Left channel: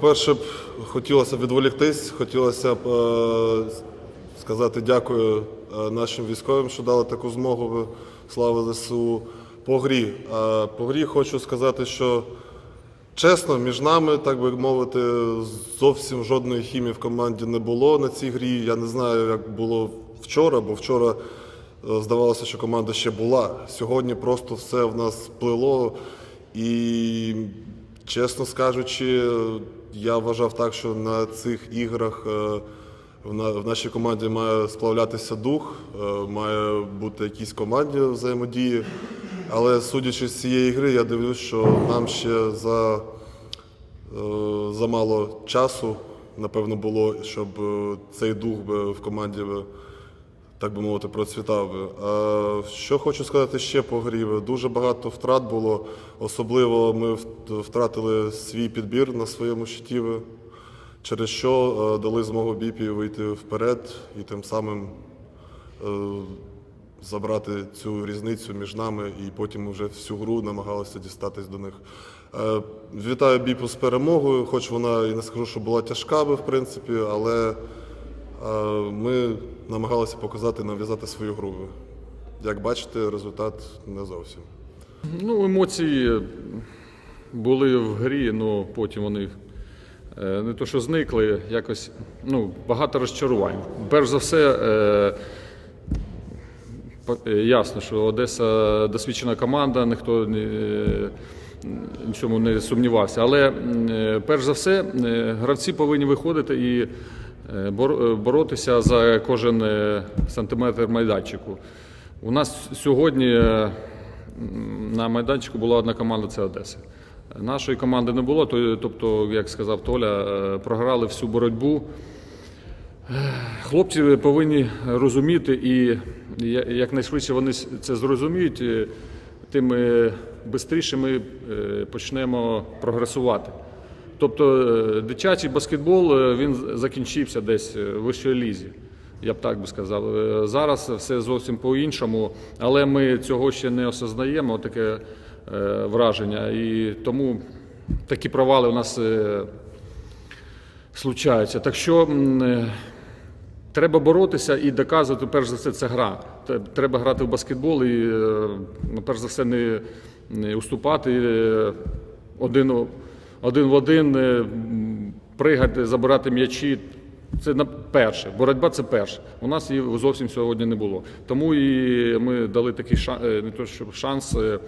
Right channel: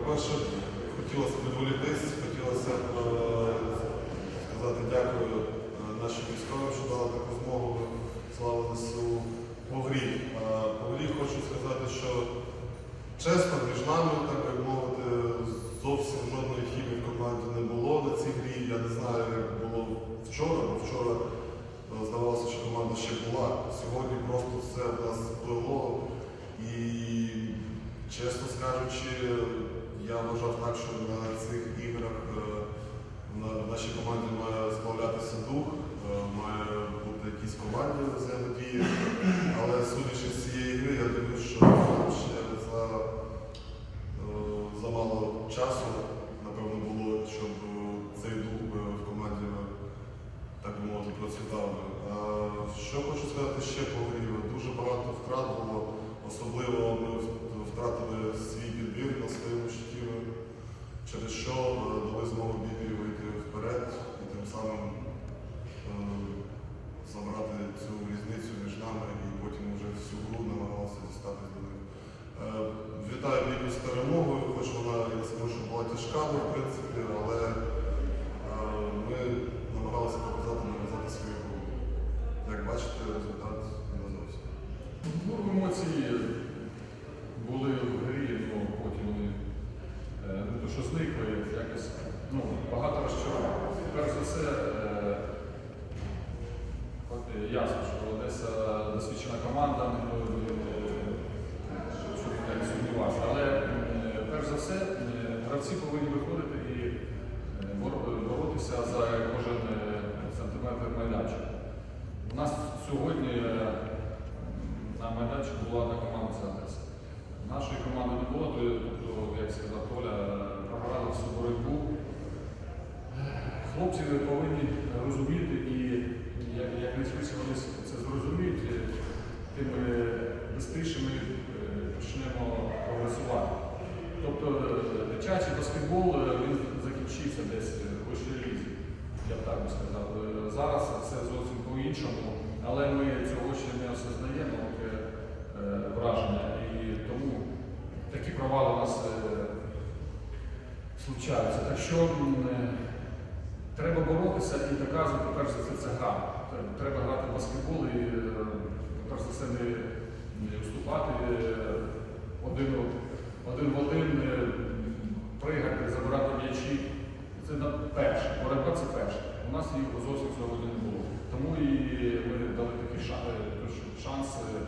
По-перше, хотілося б відволіктись, хотілося б е, сказати дякую е, нашим військовим, що дали таку змогу. Слава ЗСУ. По грі. Е, По грі хочу сказати, що чесно, між нами, так би мовити, зовсім жодної хімії в команді не було на цій грі. Я не знаю, як було вчора, бо вчора е, здавалося, що команда ще була. Сьогодні просто все в нас сплило. І, чесно скажучи, я вважав так, що на цих іграх е, в нашій команді має сплавлятися дух, е, має бути якісь команді взаємодії. Але судячи з цієї гри, я дивлюсь, що нам ще за, е, замало часу, напевно, було, щоб цей дух в команді так би мовити, процвітав би. А що хочу сказати ще по грі? Дуже багато втрат було. Особливо ми втратили свій підбір на своєму щиті, через що е, дали змогу біпі вийти вперед і тим самим е, забрати цю різницю між нами і потім вже всю гру намагалися дістатись до них. Е, Вітаю Біпу з перемогою, хоч вона і не скажу, що була тяжка би, в принципі, але е, ми намагалися показати, нав'язати свою гру. Як бачите, результат не зовсім. Ну, емоції були в грі, але потім вони е, не то, що зникли, якось ну, багато розчарувань. Перш за все, е, е, ясно, що Одеса досвідчена команда, ніхто не, в не сумнівався. Але перш за все, гравці повинні виходити і боротися за кожен е, сантиметр майданчику. У нас сьогодні е, на майданчику була одна команда це Одеса. Нашої команди не було, тобто, як сказав Толя, е, програли всю боротьбу. Хлопці повинні розуміти, і якнайшвидше вони це зрозуміють, е, тим швидше ми е, почнемо прогресувати. Тобто е, дитячий баскетбол е, він закінчився десь е, в вищій лізі. Я б так би сказав. Зараз все зовсім по-іншому, але ми цього ще не осознаємо, таке враження. І тому такі провали у нас случаються. Так що треба боротися і доказувати, перш за все, це гра. Треба грати в баскетбол і, ну, перш за все, не, уступати один, один в один, е, пригати, забирати м'ячі. Це перше. Боротьба це перше. У нас її зовсім сьогодні не було. Тому і ми дали такий шанс, не то, що шанс. е,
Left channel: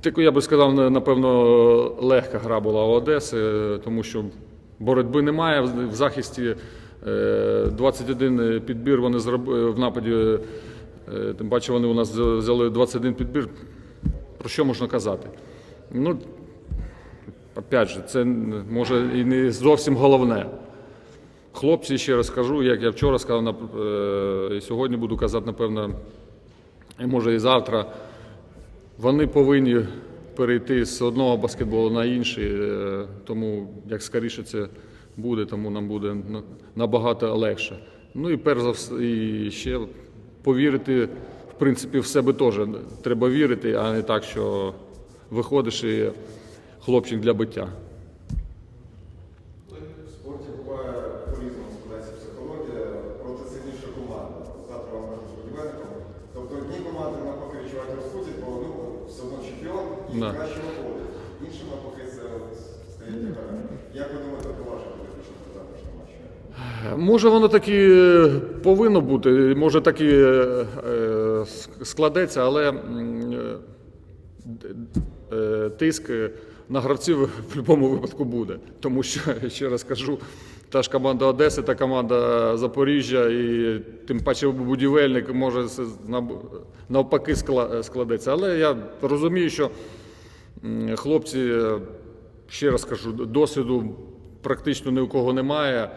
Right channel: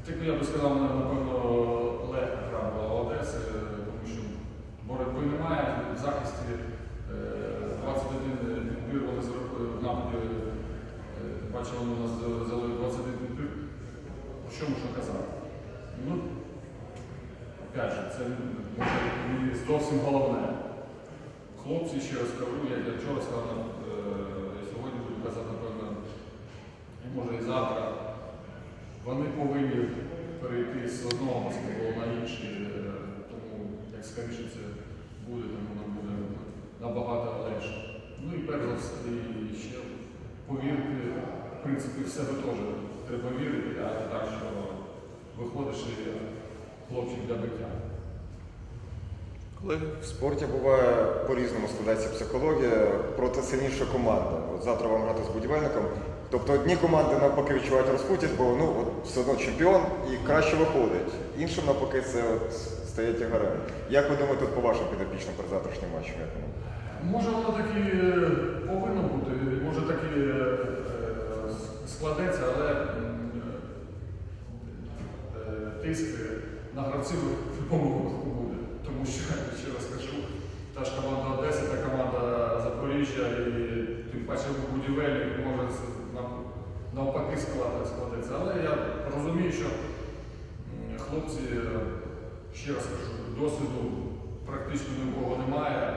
Таку, я би сказав, напевно, легка гра була у Одеси, е, тому що боротьби немає. В- захисті е, 21 підбір вони зробили в нападі. е, Тим паче вони у нас взяли 21 підбір. Про що можна казати? Ну, опять же, це може і не зовсім головне. Хлопці, ще раз кажу, як я вчора сказав, е, і сьогодні буду казати, напевно, і може і завтра. Вони повинні перейти з одного баскетболу на інший, е, тому як скоріше це буде, тому нам буде набагато легше. Ну і перш за все, і ще повірити, в принципі, в себе теж треба вірити, а не так, що виходиш і хлопчик для биття. В спорті буває по-різному складається психологія проти сильнішої команди. От завтра вам грати з будівельником. Тобто одні команди навпаки відчувають розпутість, бо ну от все одно чемпіон і Да. краще виходить. Іншим навпаки це от стає тягарем. Як ви думаєте, по вашим підопічним перед завтрашнім матчем? Може, воно так і повинно бути, може так і е, е, складеться, але е, е, тиск на гравців в будь-якому випадку буде. Тому що, ще раз кажу, та ж команда Одеси, та команда Запоріжжя, і тим паче будівельник може навпаки скла- складеться. Але я розумію, що хлопці, ще раз кажу, досвіду практично ні у кого немає.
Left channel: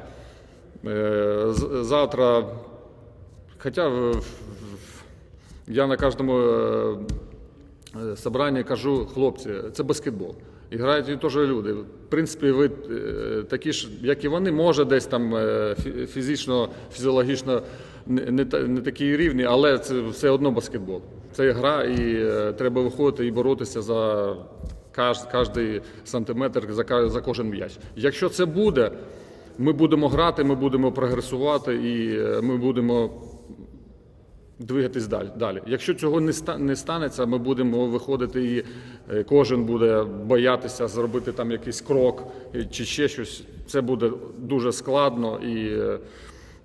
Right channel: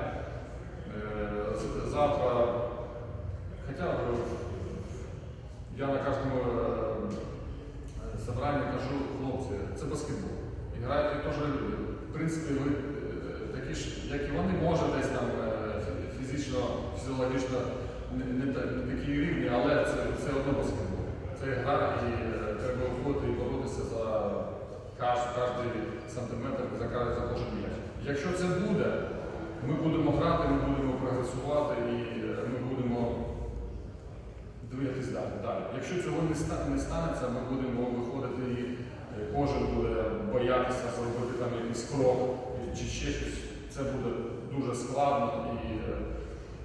Е, Завтра, хоча я на кожному е, собранні кажу, хлопці, це баскетбол. І грають і теж люди. В принципі, ви е, такі ж, як і вони, може десь там е, фізично, фізіологічно не, не, такі рівні, але це все одно баскетбол. Це гра, і е, треба виходити і боротися за кожний сантиметр за, за кожен м'яч. Якщо це буде, ми будемо грати, ми будемо прогресувати і ми будемо двигатись далі. далі. Якщо цього не, ста, не станеться, ми будемо виходити і е, кожен буде боятися зробити там якийсь крок е, чи ще щось. Це буде дуже складно і е,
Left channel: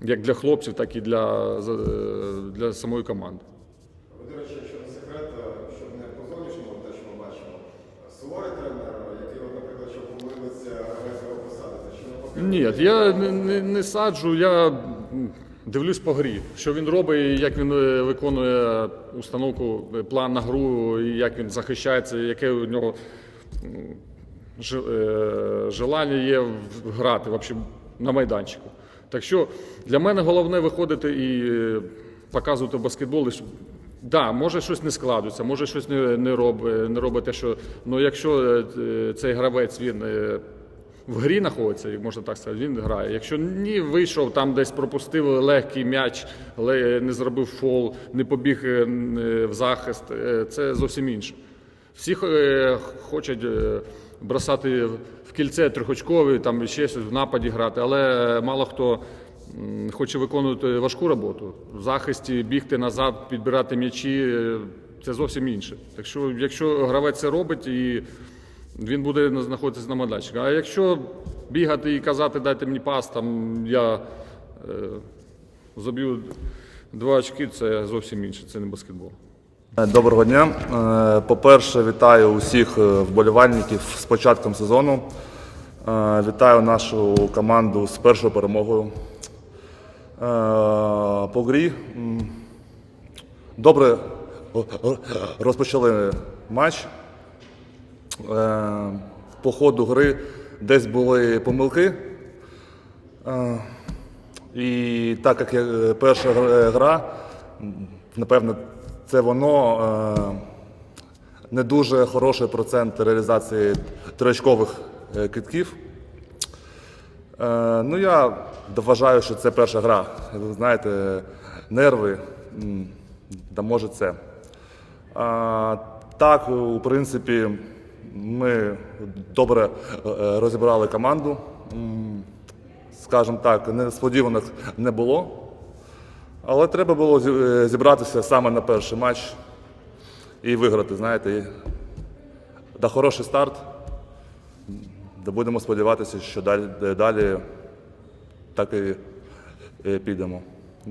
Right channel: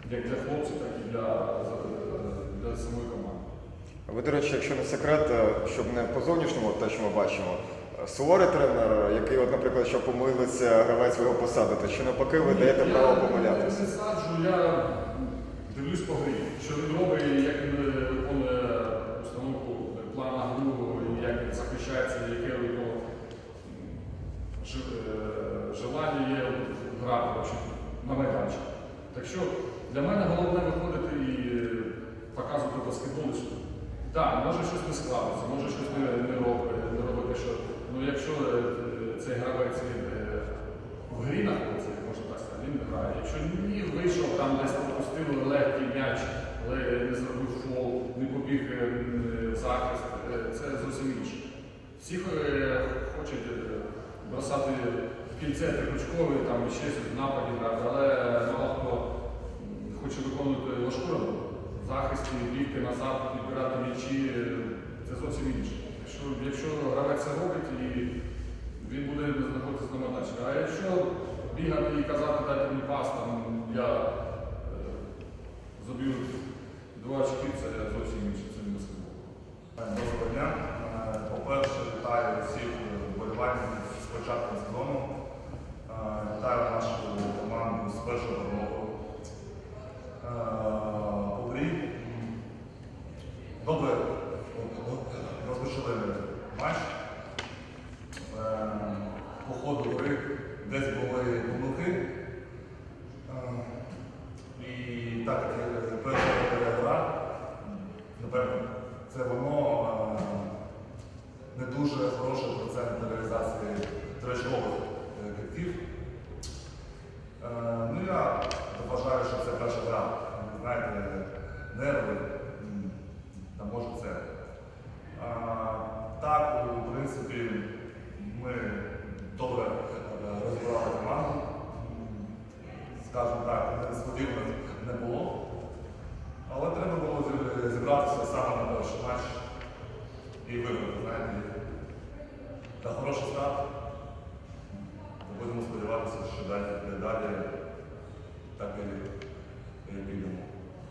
як для хлопців, так і для, для самої команди. Ви, до речі, якщо не секрет, щоб не по зовнішньому, те, що ми бачимо, суворий тренер, який, от, наприклад, що помилився гравець його посадити, чи навпаки, ви Ні, я не, не, не саджу, я дивлюсь по грі, що він робить, як він е, виконує установку, е, план на гру, як він захищається, яке у нього е, желання є грати вообще, на майданчику. Так що для мене головне виходити і показувати баскетбол. Що- Да, може щось не складується, може щось не, не, роб, не робить те, що. Ну якщо цей гравець він в грі знаходиться, і можна так сказати, він грає. Якщо ні, вийшов там десь пропустив легкий м'яч, але не зробив фол, не побіг е, е, в захист, е, це зовсім інше. Всі хочуть бросати в кільце трьохочкові, там ще щось в нападі грати, але мало хто хоче виконувати важку роботу. В захисті бігти назад, підбирати м'ячі це зовсім інше. Так що, якщо гравець це робить і він буде знаходитися на майданчику. А якщо бігати і казати, дайте мені пас, там я е, заб'ю два очки, це зовсім інше, це не баскетбол. Доброго дня. Е, По-перше, вітаю усіх е, вболівальників з початком сезону. Е, Вітаю нашу команду з першою перемогою. Е, По грі добре розпочали матч. Е, По ходу гри десь були помилки. Е, І так як я- перша гра- напевно, це воно е, не дуже хороший процент реалізації тричкових е, китків. Е, Ну, я вважаю, що це перша гра. Знаєте, нерви, та може це. А, так, у принципі, ми добре е, розібрали команду. Скажімо так, несподіваних не було. Але треба було е, зібратися саме на перший матч і виграти, знаєте. Да, хороший старт. Да будемо сподіватися, що далі, далі так і е, підемо.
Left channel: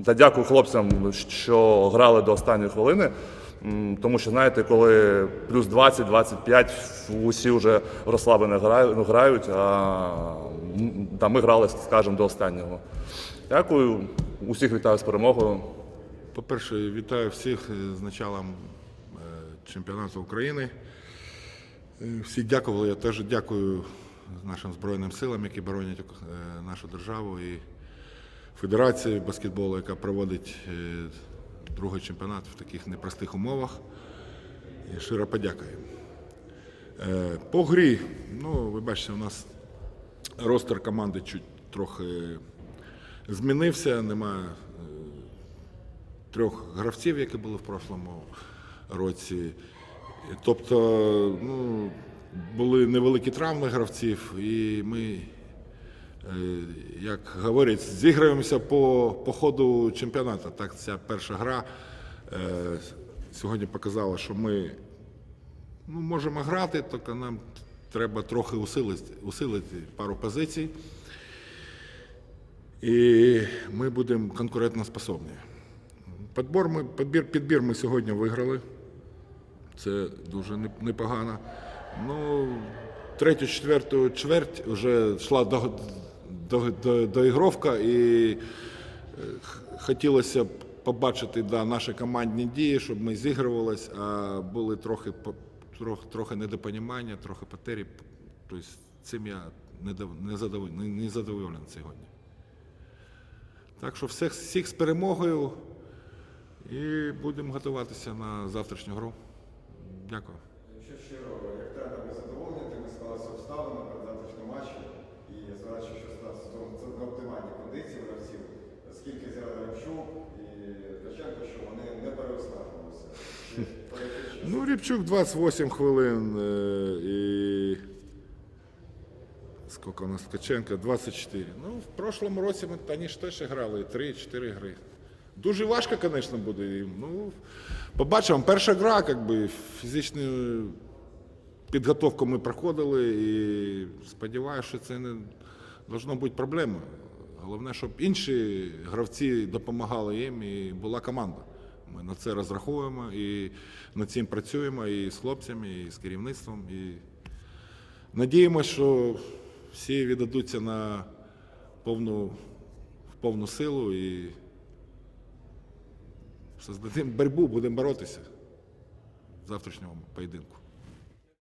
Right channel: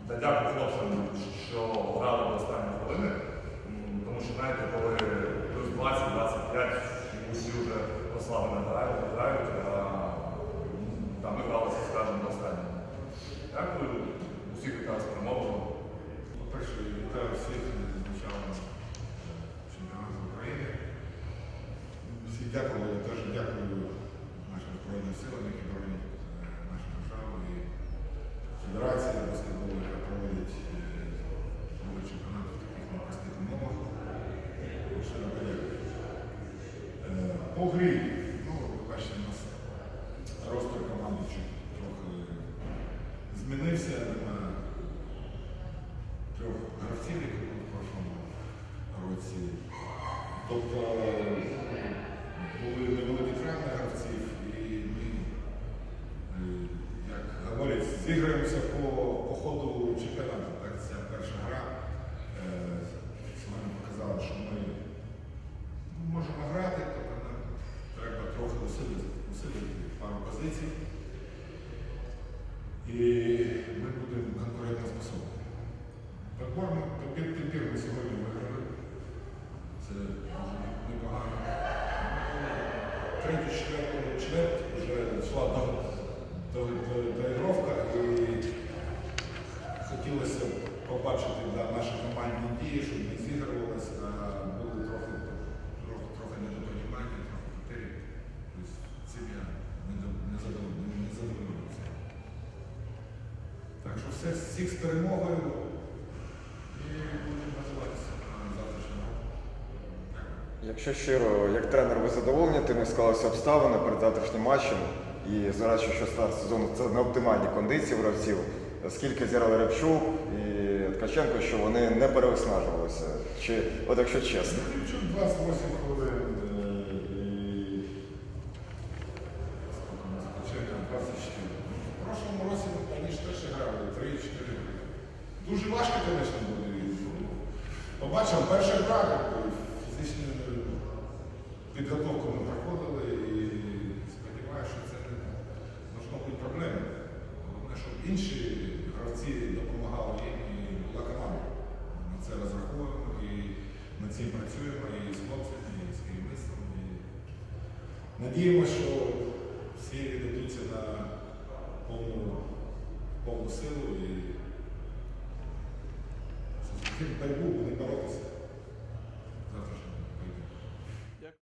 Та дякую хлопцям, що грали до останньої хвилини. Тому що, знаєте, коли плюс 20-25, усі вже розслаблено грають, ну, а м, та ми грали, скажімо, до останнього. Дякую, усіх вітаю з перемогою. По-перше, вітаю всіх з началом е, чемпіонату України. Е, Всі дякували. Я теж дякую нашим Збройним силам, які боронять е, нашу державу і Федерації баскетболу, яка проводить другий чемпіонат в таких непростих умовах. І щиро подякую. Е, По грі, ну, ви бачите, у нас ростер команди чуть трохи змінився, немає трьох гравців, які були в прошлому році. Тобто ну, були невеликі травми гравців, і ми, е, як говорять, зіграємося по, по ходу чемпіонату. Так, ця перша гра е, сьогодні показала, що ми ну, можемо грати, тобто нам треба трохи усилити, усилити пару позицій. І ми будемо конкурентоспособні. Підбор ми, підбір, підбір ми сьогодні виграли. Це дуже непогано. Ну, третю, четверту чверть вже йшла до, доігровка і е, хотілося б побачити да, наші командні дії, щоб ми зігрувались, а були трохи, трохи, трохи недопонімання, трохи потері. Тобто цим я не, дов- не, не, не задоволений сьогодні. Так що всіх, всіх з перемогою і будемо готуватися на завтрашню гру. Дякую. Якщо щиро, як тренер, ви задоволені, тими склалися обставини перед завтрашнім матчем. І зважаючи, що старт сезону це не оптимальні кондиції гравців, скільки зіграли Рябчук і Ткаченко, що вони не перевиснажувалися. Чи от якщо чесно? Ну, Рябчук 28 хвилин е, і скільки у нас Ткаченко? 24. Ну, в прошлому році ми та ніж теж грали 3-4 гри. Дуже важко, звісно, буде. Ну, Побачимо, перша гра, якби фізичний підготовку ми проходили і сподіваюся, що це не должно бути проблемою. Головне, щоб інші гравці допомагали їм і була команда. Ми на це розраховуємо і над цим працюємо і з хлопцями, і з керівництвом. І надіємося, що всі віддадуться на повну, в повну силу і создадимо боротьбу, будемо боротися в завтрашньому поєдинку.